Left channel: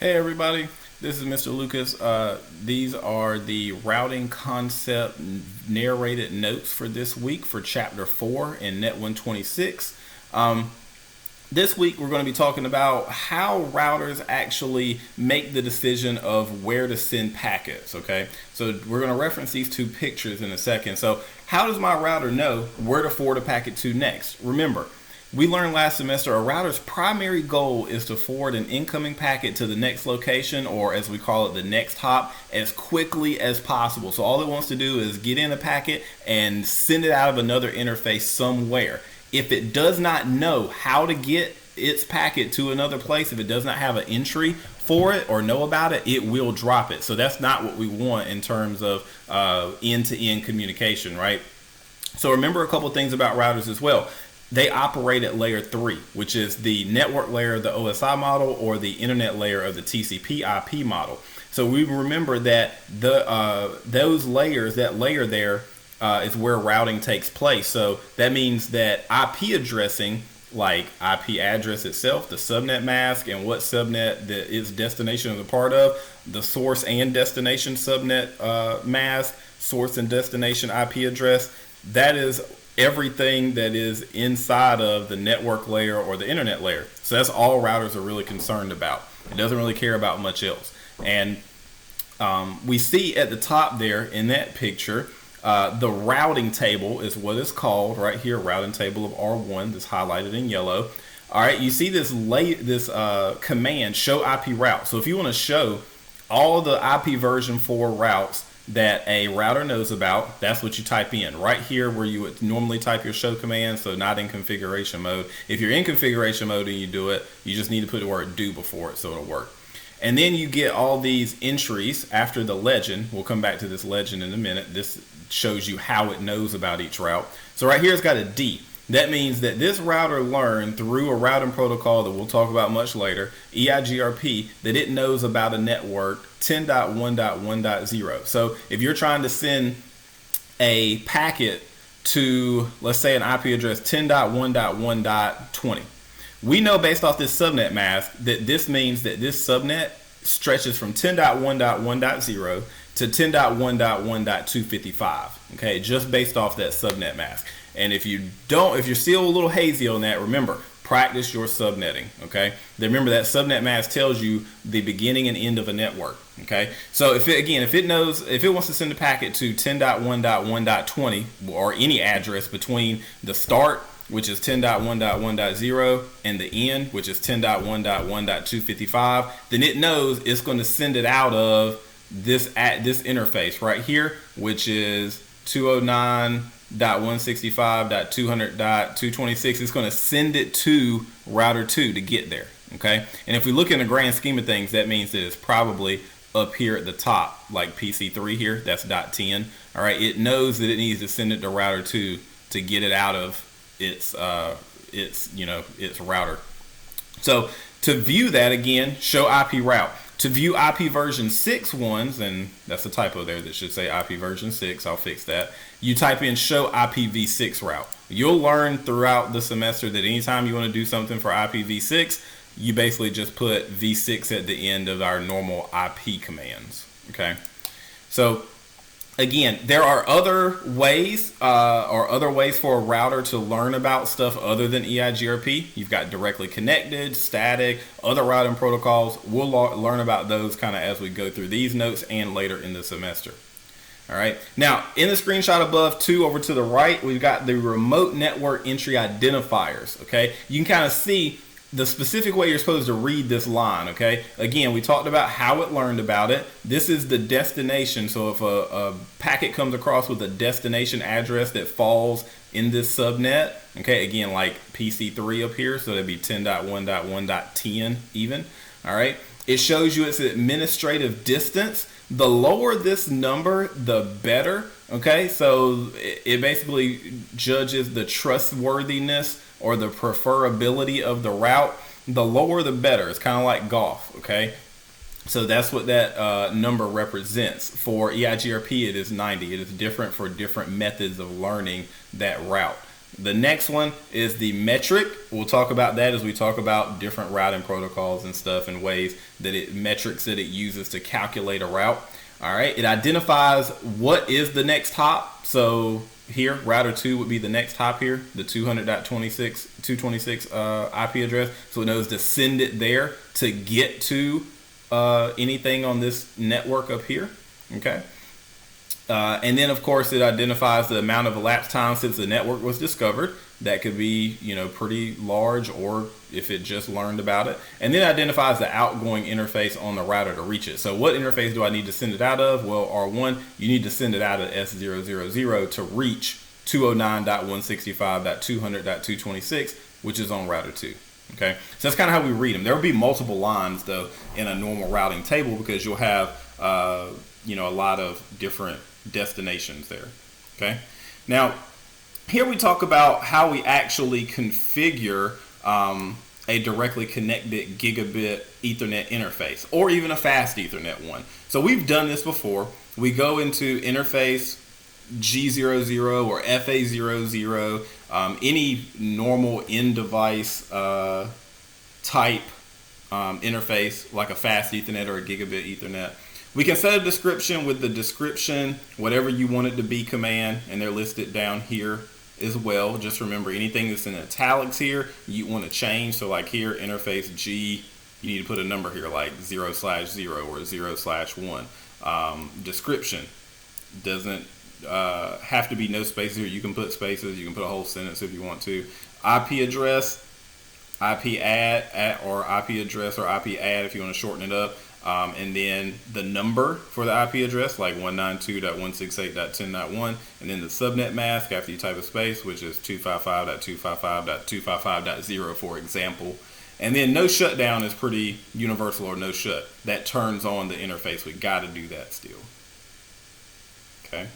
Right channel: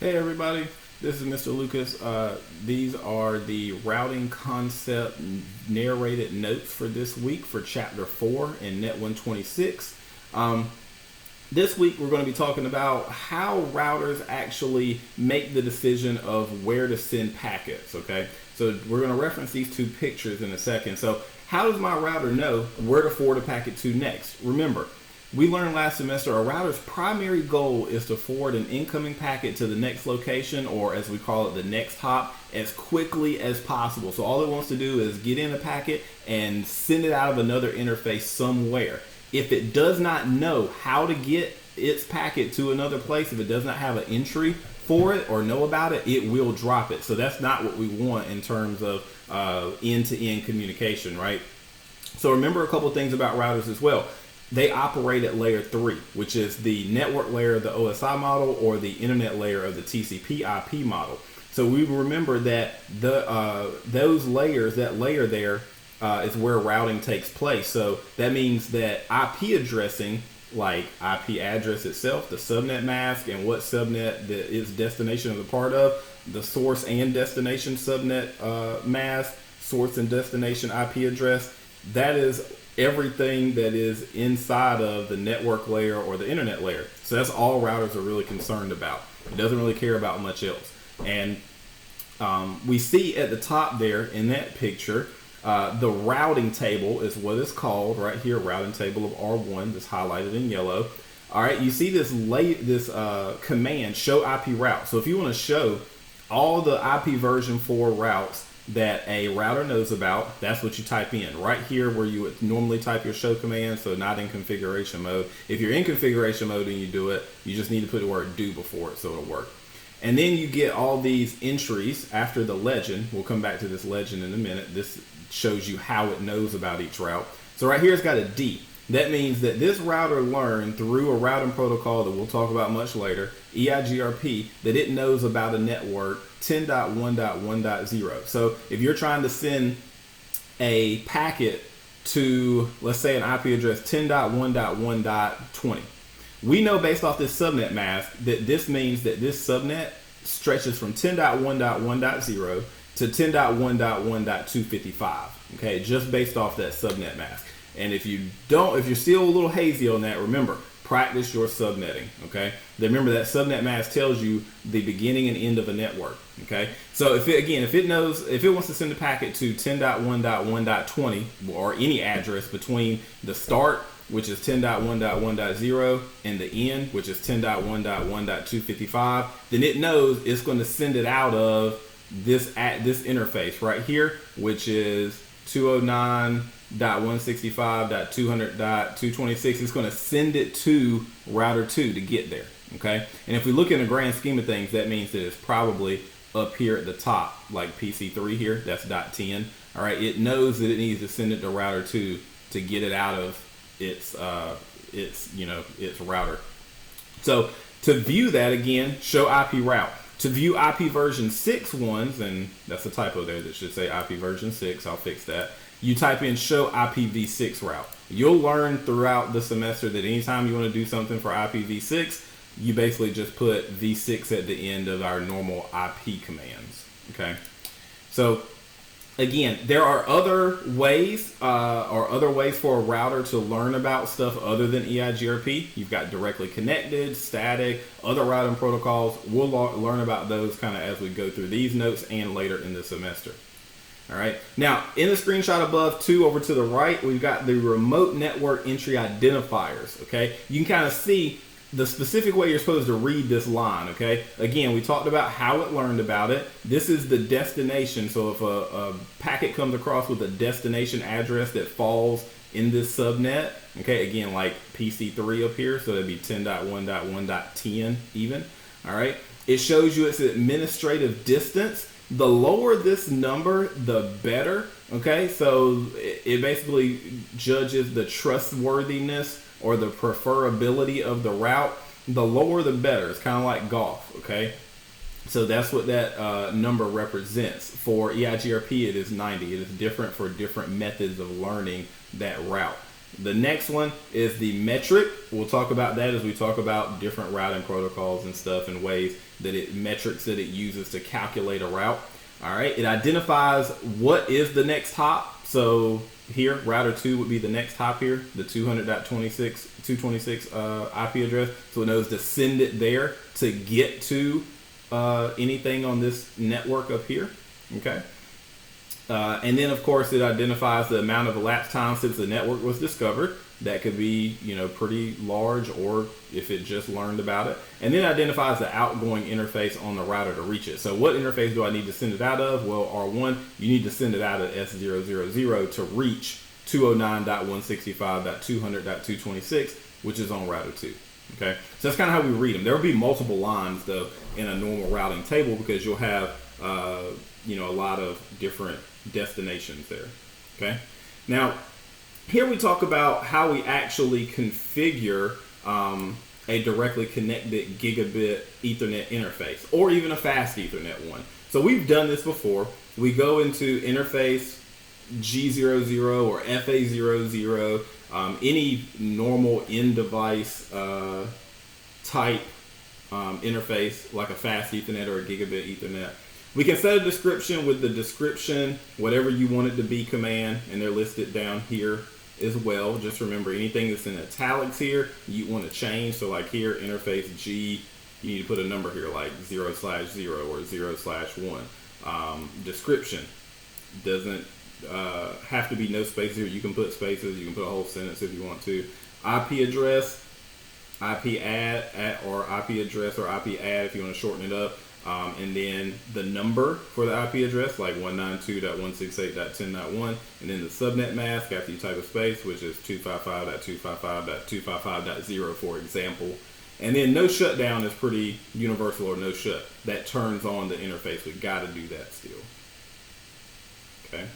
Hey everybody, this is Mr. Lucas. These are the routing concept narrated notes for this week for chapter 4 in Net 126. This week we're going to be talking about how routers actually make the decision of where to send packets, okay? So we're going to reference these two pictures in a second. So how does my router know where to forward a packet to next? Remember, we learned last semester a router's primary goal is to forward an incoming packet to the next location, or as we call it, the next hop, as quickly as possible. So all it wants to do is get in a packet and send it out of another interface somewhere. If it does not know how to get its packet to another place, if it does not have an entry for it or know about it, it will drop it. So that's not what we want in terms of end-to-end communication, right? So remember a couple things about routers as well. They operate at layer 3, which is the network layer of the OSI model or the internet layer of the TCP IP model. So we remember that those layers, that layer there is where routing takes place. So that means that IP addressing, like IP address itself, the subnet mask, and what subnet its destination is a part of, the source and destination subnet mask, source and destination IP address, that is everything that is inside of the network layer or the internet layer. So that's all routers are really concerned about. It doesn't really care about much else. And we see at the top there in that picture, the routing table is what it's called right here, routing table of R1 that's highlighted in yellow. All right, you see this command, show IP route. So if you want to show all the IP version 4 routes that a router knows about, that's what you type in right here where you would normally type your show command, so not in configuration mode. If you're in configuration mode and you do it, you just need to put the word do before it so it'll work. And then you get all these entries after the legend. We'll come back to this legend in a minute. This shows you how it knows about each route. So right here it's got a D. That means that this router learned through a routing protocol that we'll talk about much later, EIGRP, that it knows about a network 10.1.1.0. So if you're trying to send a packet to, let's say, an IP address 10.1.1.20, we know based off this subnet mask that this means that this subnet stretches from 10.1.1.0 to 10.1.1.255, okay, just based off that subnet mask. And if you're still a little hazy on that, remember, practice your subnetting, okay? Remember that subnet mask tells you the beginning and end of a network, okay? So if it wants to send a packet to 10.1.1.20 or any address between the start, which is 10.1.1.0, and the end, which is 10.1.1.255, then it knows it's going to send it out of this interface right here, which is 209.165.200.226. It's going to send it to router 2 to get there, okay? And if we look in the grand scheme of things, that means that it's probably up here at the top, like PC3 here, that's .10. All right, it knows that it needs to send it to router 2 to get it out of its router. So to view that, again, show IP route. To view IP version 6 ones, and that's a typo there that should say IP version 6, I'll fix that. You type in show IPv6 route. You'll learn throughout the semester that anytime you want to do something for IPv6, you basically just put v6 at the end of our normal IP commands, okay? So again, there are other ways for a router to learn about stuff other than EIGRP. You've got directly connected, static, other routing protocols. We'll learn about those kind of as we go through these notes and later in the semester. All right. Now, in the screenshot above, too, over to the right, we've got the remote network entry identifiers. Okay. You can kind of see the specific way you're supposed to read this line, okay? Again, we talked about how it learned about it. This is the destination. So if a packet comes across with a destination address that falls in this subnet, okay, again, like PC3 up here, so that'd be 10.1.1.10 even, all right? It shows you its administrative distance. The lower this number, the better, okay? So it basically judges the trustworthiness or the preferability of the route. The lower the better. It's kind of like golf, okay? So that's what that number represents. For EIGRP, it is 90. It is different for different methods of learning that route. The next one is the metric. We'll talk about that as we talk about different routing protocols and stuff and ways that metrics that it uses to calculate a route. All right, it identifies what is the next hop. So here, router 2 would be the next hop here, the 200.26 IP address. So it knows to send it there to get to anything on this network up here. Okay. And then, of course, it identifies the amount of elapsed time since the network was discovered. That could be, pretty large, or if it just learned about it. And then it identifies the outgoing interface on the router to reach it. So what interface do I need to send it out of? Well, R1, you need to send it out of S000 to reach 209.165.200.226, which is on router 2. Okay, so that's kind of how we read them. There will be multiple lines, though, in a normal routing table because you'll have, a lot of different destinations there. Okay, now here we talk about how we actually configure a directly connected gigabit Ethernet interface, or even a fast Ethernet one. So we've done this before. We go into interface G00 or FA00, any normal in-device type interface like a fast Ethernet or a gigabit Ethernet. We can set a description with the description, whatever you want it to be command, and they're listed down here as well. Just remember anything that's in italics here, you want to change. So like here, interface G, you need to put a number here like 0/0 or 0/1. Description doesn't have to be no spaces here. You can put spaces, you can put a whole sentence if you want to. IP address, IP add or IP address or IP add if you want to shorten it up. And then the number for the IP address, like 192.168.10.1, and then the subnet mask after you type a space, which is 255.255.255.0, for example. And then no shutdown is pretty universal, or no shut. That turns on the interface. We got to do that still. Okay.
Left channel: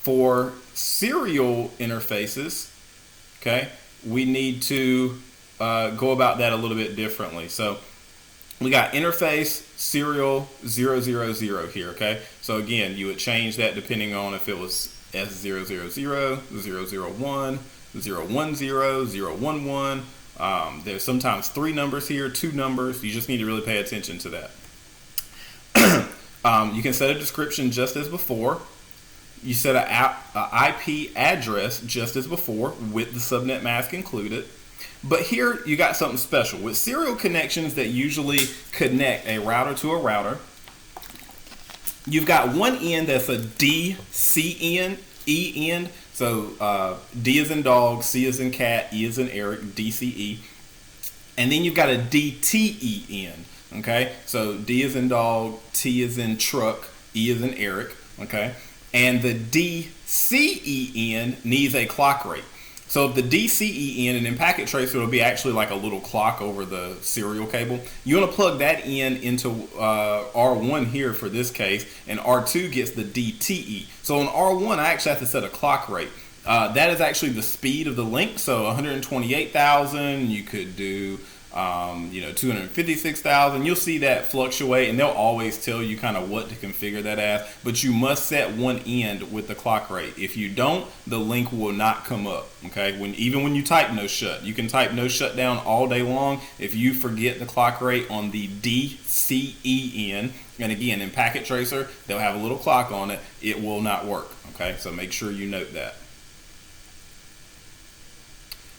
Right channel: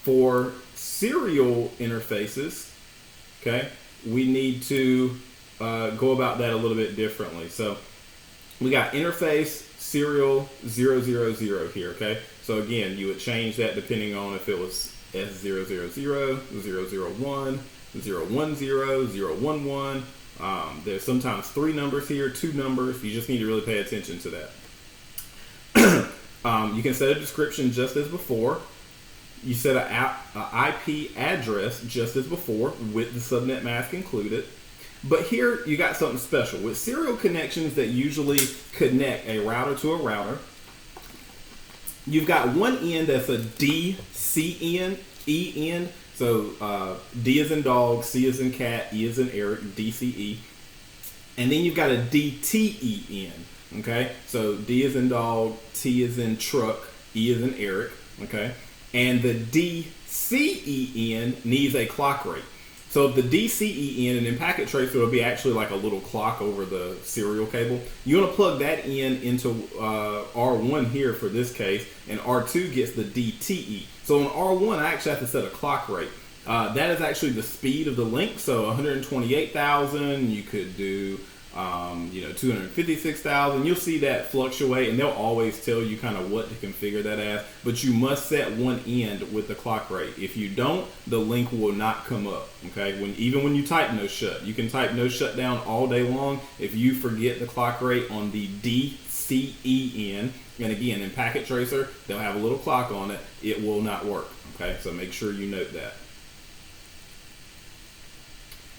For serial interfaces, okay, we need to go about that a little bit differently. So we got interface serial 000 here, okay? So again, you would change that depending on if it was S000, 001, 010, 011. There's sometimes 3 numbers here, 2 numbers. You just need to really pay attention to that. You can set a description just as before. You set an IP address just as before with the subnet mask included. But here you got something special. With serial connections that usually connect a router to a router, you've got one end that's a DC end, E end. So D is in dog, C is in cat, E is in Eric, DCE. And then you've got a DTE end. Okay, so D is in dog, T is in truck, E is in Eric. Okay, and the DCE end needs a clock rate. So the DCE in, and in packet tracer, it'll be actually like a little clock over the serial cable. You want to plug that in into R1 here for this case, and R2 gets the DTE. So on R1, I actually have to set a clock rate. That is actually the speed of the link. So 128,000, you could do 256,000. You'll see that fluctuate, and they'll always tell you kind of what to configure that as, but you must set one end with the clock rate. If you don't, the link will not come up. Okay, even when you type no shut, you can type no shutdown all day long. If you forget the clock rate on the DCE end, and again in packet tracer they'll have a little clock on it, it will not work. Okay, so make sure you note that.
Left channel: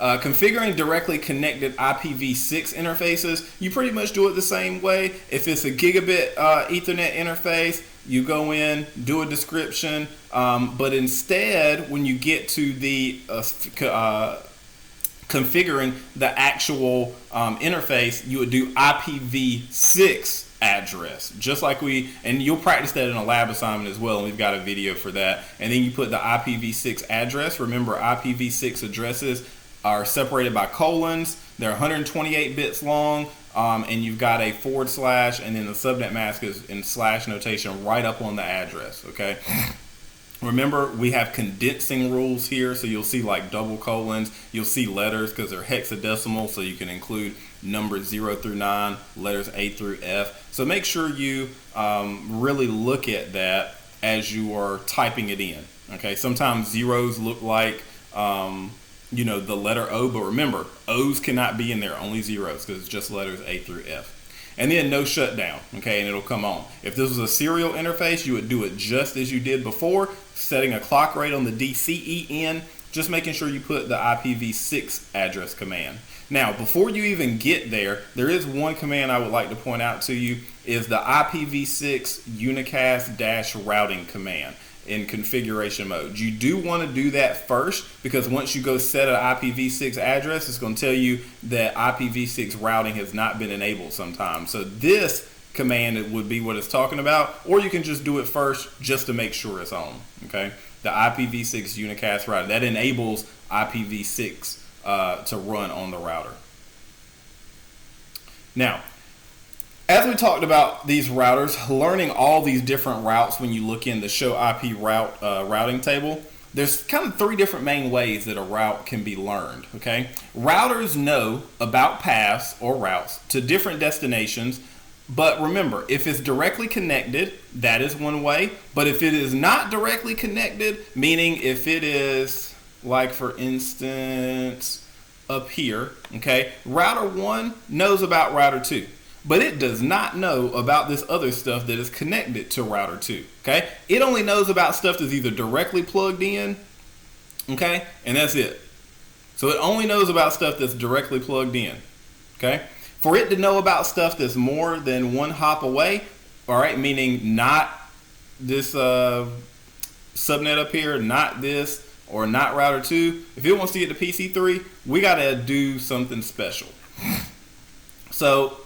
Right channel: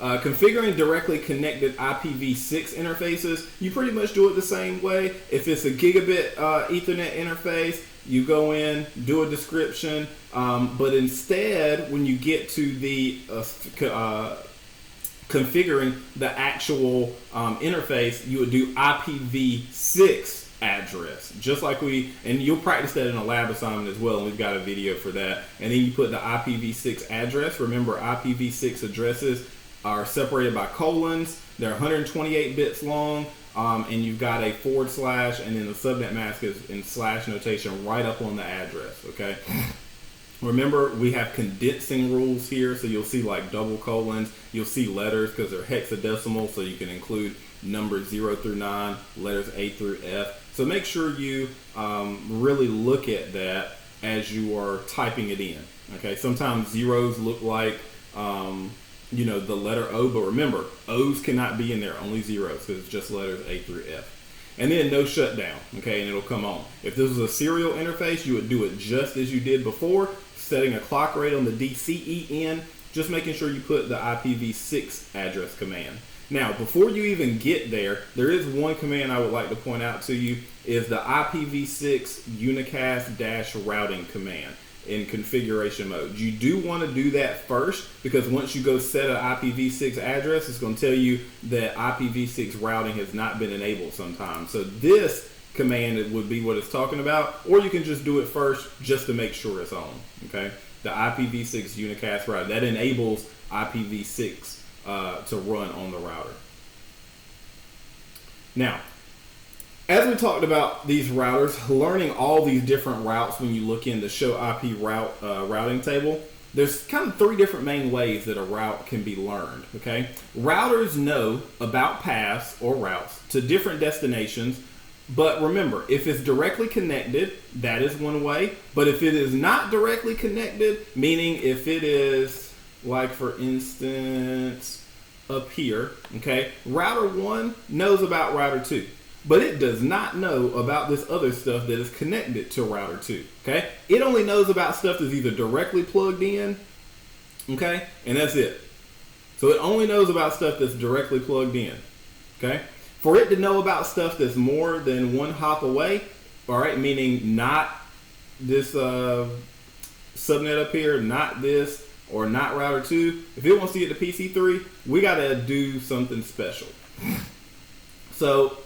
Configuring directly connected IPv6 interfaces, you pretty much do it the same way. If it's a gigabit Ethernet interface, you go in, do a description, but instead, when you get to the configuring the actual interface, you would do IPv6 address, just like and you'll practice that in a lab assignment as well, and we've got a video for that. And then you put the IPv6 address. Remember, IPv6 addresses are separated by colons. They're 128 bits long, and you've got a / and then the subnet mask is in / notation right up on the address. Okay. Remember, we have condensing rules here, so you'll see like double colons. You'll see letters because they're hexadecimal, so you can include numbers 0 through 9, letters A through F. So make sure you really look at that as you are typing it in. Okay. Sometimes zeros look like the letter O, but remember, O's cannot be in there, only zeros, because it's just letters A through F. And then no shutdown, okay, and it'll come on. If this was a serial interface, you would do it just as you did before, setting a clock rate on the DCEN, just making sure you put the IPv6 address command. Now, before you even get there, there is one command I would like to point out to you, is the IPv6 unicast-routing command in configuration mode. You do want to do that first, because once you go set an IPv6 address, it's going to tell you that IPv6 routing has not been enabled sometimes. So this command would be what it's talking about, or you can just do it first just to make sure it's on. Okay, the IPv6 unicast routing, that enables IPv6 to run on the router. Now, as we talked about these routers, learning all these different routes when you look in the show IP routing table, there's kind of three different main ways that a route can be learned, okay? Routers know about paths or routes to different destinations, but remember, if it's directly connected, that is one way. But if it is not directly connected, meaning if it is, like for instance, up here, okay, router 1 knows about router 2. But it does not know about this other stuff that is connected to router 2, okay? It only knows about stuff that's either directly plugged in, okay? And that's it. So it only knows about stuff that's directly plugged in, okay? For it to know about stuff that's more than one hop away, all right, meaning not this subnet up here, not this, or not router 2, if it wants to get to PC3, we got to do something special. So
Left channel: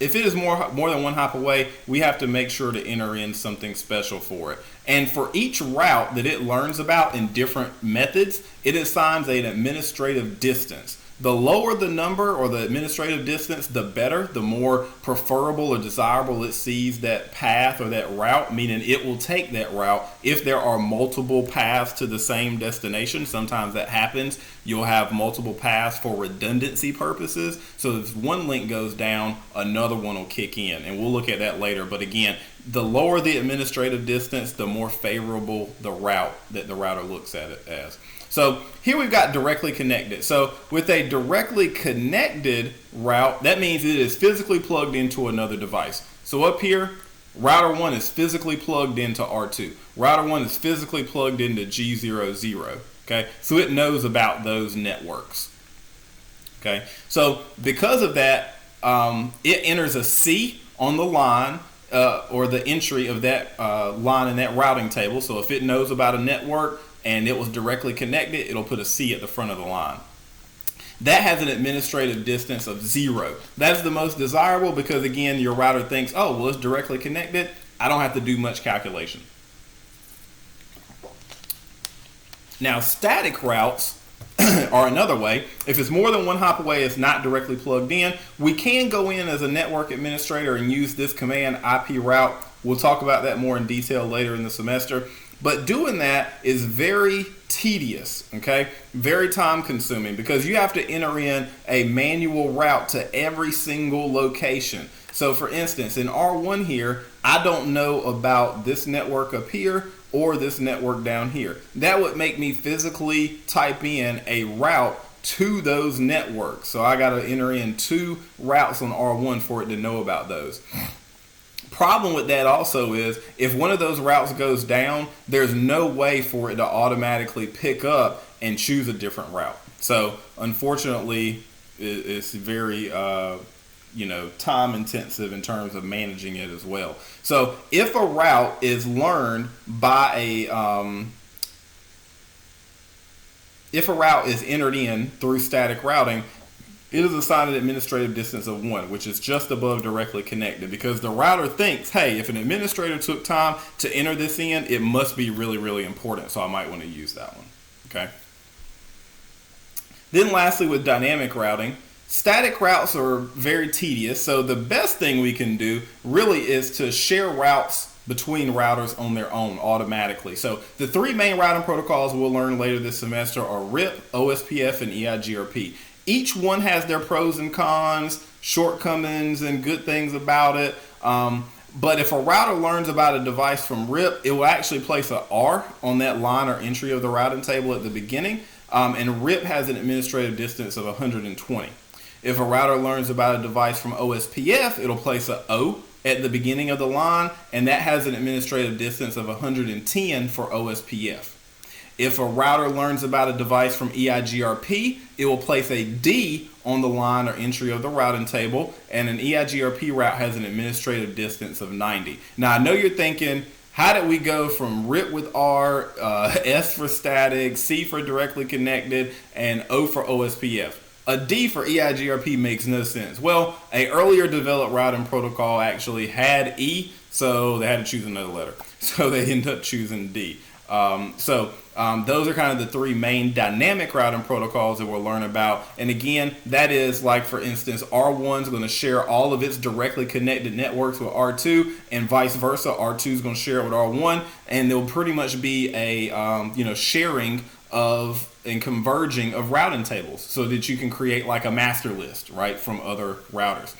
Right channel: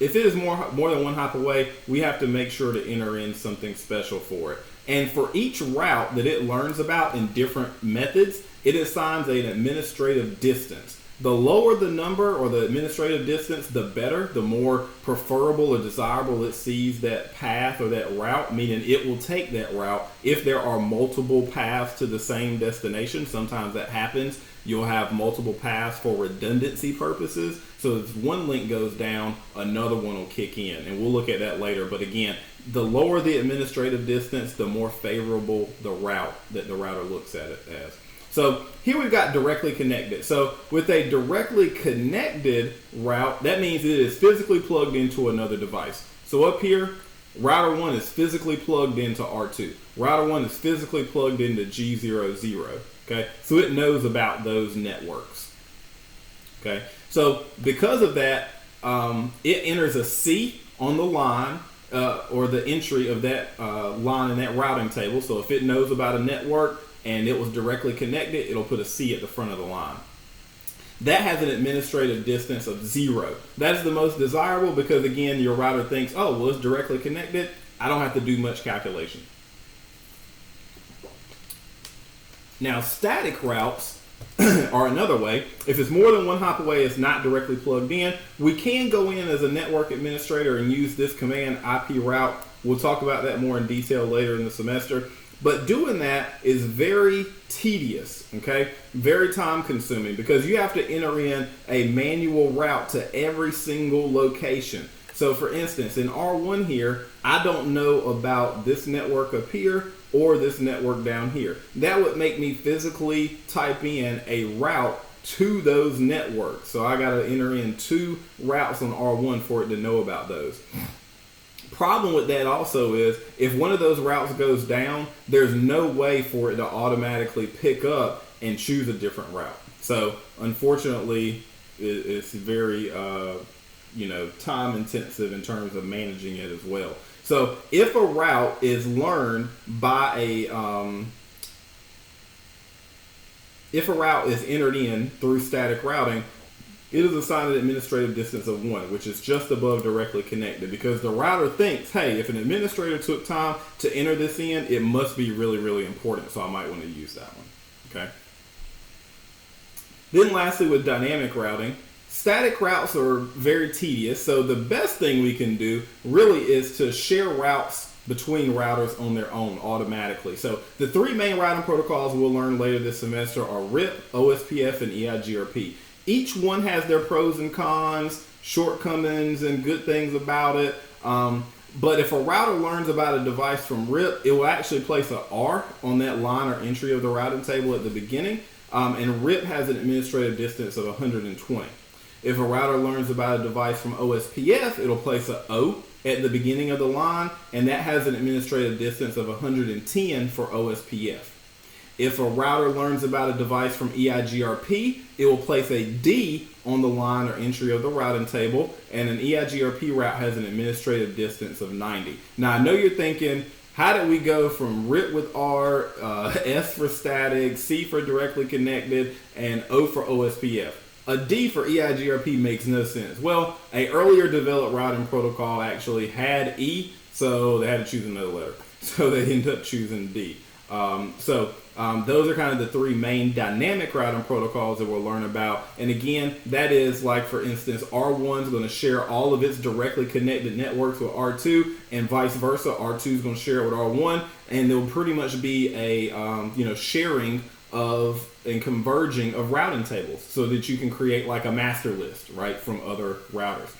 if it is more than one hop away, we have to make sure to enter in something special for it. And for each route that it learns about in different methods, it assigns an administrative distance. The lower the number or the administrative distance, the better, the more preferable or desirable it sees that path or that route, meaning it will take that route if there are multiple paths to the same destination. Sometimes that happens. You'll have multiple paths for redundancy purposes. So if one link goes down, another one will kick in, and we'll look at that later. But again, the lower the administrative distance, the more favorable the route that the router looks at it as. So here we've got directly connected. So with a directly connected route, that means it is physically plugged into another device. So up here, router 1 is physically plugged into R2. Router 1 is physically plugged into G00. Okay, so it knows about those networks. Okay, so because of that, it enters a C on the line or the entry of that line in that routing table. So if it knows about a network and it was directly connected, it'll put a C at the front of the line. That has an administrative distance of 0. That's the most desirable because, again, your router thinks, oh, well, it's directly connected. I don't have to do much calculation. Now, static routes are another way. If it's more than one hop away, it's not directly plugged in. We can go in as a network administrator and use this command IP route. We'll talk about that more in detail later in the semester. But doing that is very tedious, okay? Very time consuming because you have to enter in a manual route to every single location. So for instance, in R1 here, I don't know about this network up here or this network down here. That would make me physically type in a route to those networks. So I got to enter in 2 routes on R1 for it to know about those. Problem with that also is if one of those routes goes down, there's no way for it to automatically pick up and choose a different route. So unfortunately, it's very time intensive in terms of managing it as well. So if a route is learned by if a route is entered in through static routing, it is assigned an administrative distance of 1, which is just above directly connected because the router thinks, hey, if an administrator took time to enter this in, it must be really, really important. So I might want to use that one. Okay. Then lastly, with dynamic routing, static routes are very tedious. So the best thing we can do really is to share routes between routers on their own automatically. So the 3 main routing protocols we'll learn later this semester are RIP, OSPF, and EIGRP. Each one has their pros and cons, shortcomings, and good things about it. But if a router learns about a device from RIP, it will actually place an R on that line or entry of the routing table at the beginning. and RIP has an administrative distance of 120. If a router learns about a device from OSPF, it'll place a O at the beginning of the line, and that has an administrative distance of 110 for OSPF. If a router learns about a device from EIGRP, it will place a D on the line or entry of the routing table, and an EIGRP route has an administrative distance of 90. Now, I know you're thinking, how did we go from RIP with R, S for static, C for directly connected, and O for OSPF? A D for EIGRP makes no sense. Well, a earlier developed routing protocol actually had E, so they had to choose another letter. So they ended up choosing D. Those are kind of the three main dynamic routing protocols that we'll learn about. And again, that is like, for instance, R1 is going to share all of its directly connected networks with R2, and vice versa. R2 is going to share it with R1, and there'll pretty much be a sharing of and converging of routing tables so that you can create like a master list, right, from other routers.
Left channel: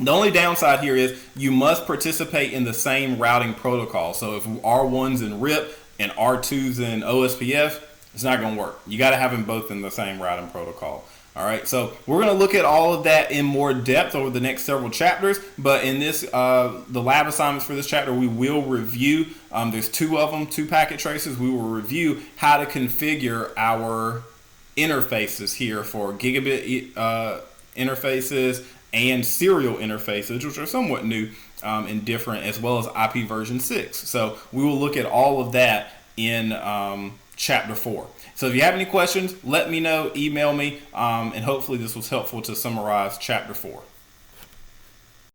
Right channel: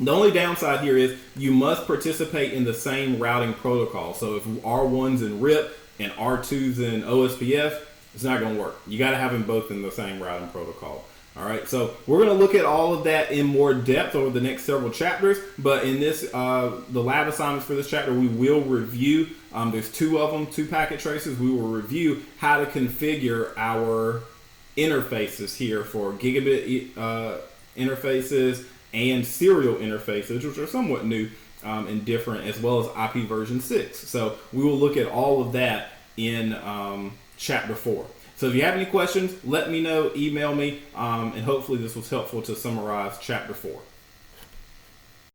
The only downside here is you must participate in the same routing protocol. So if R1's in RIP and R2's in OSPF, it's not going to work. You got to have them both in the same routing protocol. All right, so we're going to look at all of that in more depth over the next several chapters. But in this, the lab assignments for this chapter, we will review. There's two of them, 2 packet traces. We will review how to configure our interfaces here for gigabit interfaces and serial interfaces, which are somewhat new and different, as well as IP version 6. So we will look at all of that in chapter 4. So if you have any questions, let me know, email me, and hopefully this was helpful to summarize chapter 4.